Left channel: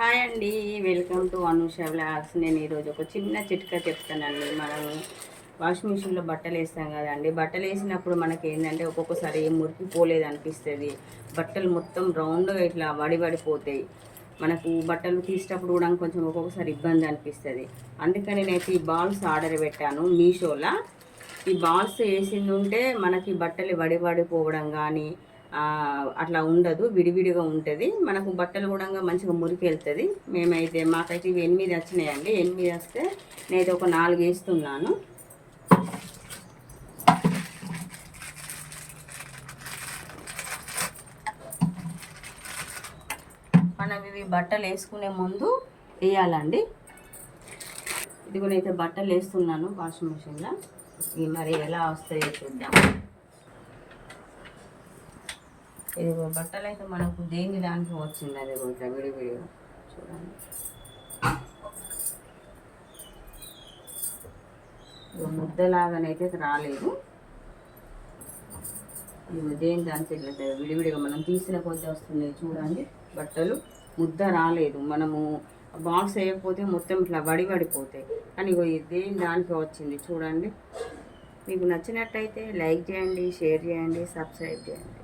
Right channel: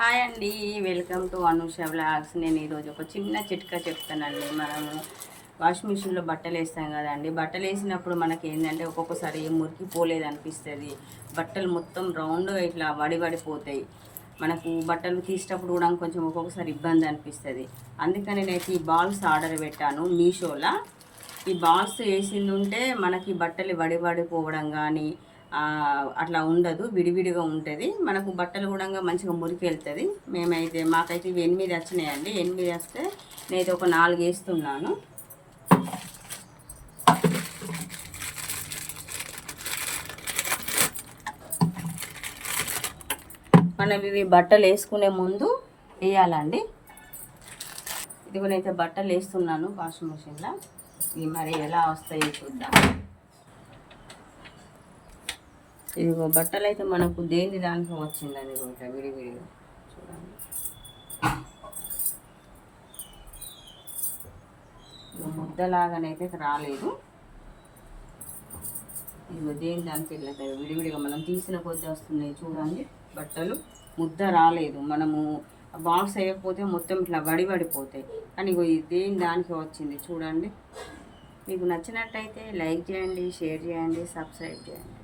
Hi అండి, welcome to Anusha vlogs. నేను ఈరోజు ఒక చిన్న చిట్కా చెప్తానండి. మనము వాషింగ్ మిషన్లో బట్టలు వేస్తాం కదండి. బట్టలు వేసినప్పుడు మనకి ఏంటంటే ఒక్కొక్కసారి మురికిపోలేదు అనిపిస్తుంది. బట్టలు మొత్తం రౌండ్గా ఇట్లా వడిపోతాయి. మనకు బట్టలు తీసేటప్పుడు కూడా కొంచెం ఒక్కొక్కసారి ఇబ్బంది అనిపిస్తుంది. అందుకని నేను ఈ బాల్స్ ఆర్డర్ పెట్టాను మీషోలో. ఈ బాల్స్ వేసింది ఉంటే మనకి బట్టలు వడిపోవడం కానీ అట్లా ఉండదు, విడివిడిగా ఉంటుంది. మనకు బట్టలు కూడా మంచిగా మురికి వెళ్తుంది. మాకైతే ఇవి 8 వచ్చినాయండి. 8 వస్తే నేనైతే ఒక 4 వేస్తున్నాను. మనం ఇవి బట్టలు వేసుకునే ముందు వేయాలండి. ఇదిగోనైతే బట్టలు వేస్తున్నాను వాషింగ్ మిషన్లో. ఇవి మరి ఎలా వస్తాయో చూద్దాం. ఇదిగో బట్టలు అయితే మనకు దేని దానికి వచ్చింది. అది ఇట్లా విడివిడిగా చూడండి. ముద్దలాగానైతే రాలేదు. ఇదిగో దేని దానికి ఇట్లా విడివిడిగా మనం తీసిన కొద్ది వస్తుంది చూడండి. బట్టలు ముద్ద రాలేదు. మనము బాక్స్ వేయకపోతే మొత్తం ఇట్లా వడిపోతాయి. కానీ ఇగో దేని దానికి వచ్చింది చూడండి. మీకు నచ్చినట్టయితే లైక్ చేయండి, షేర్ చేయండి, సబ్స్క్రైబ్ చేయండి.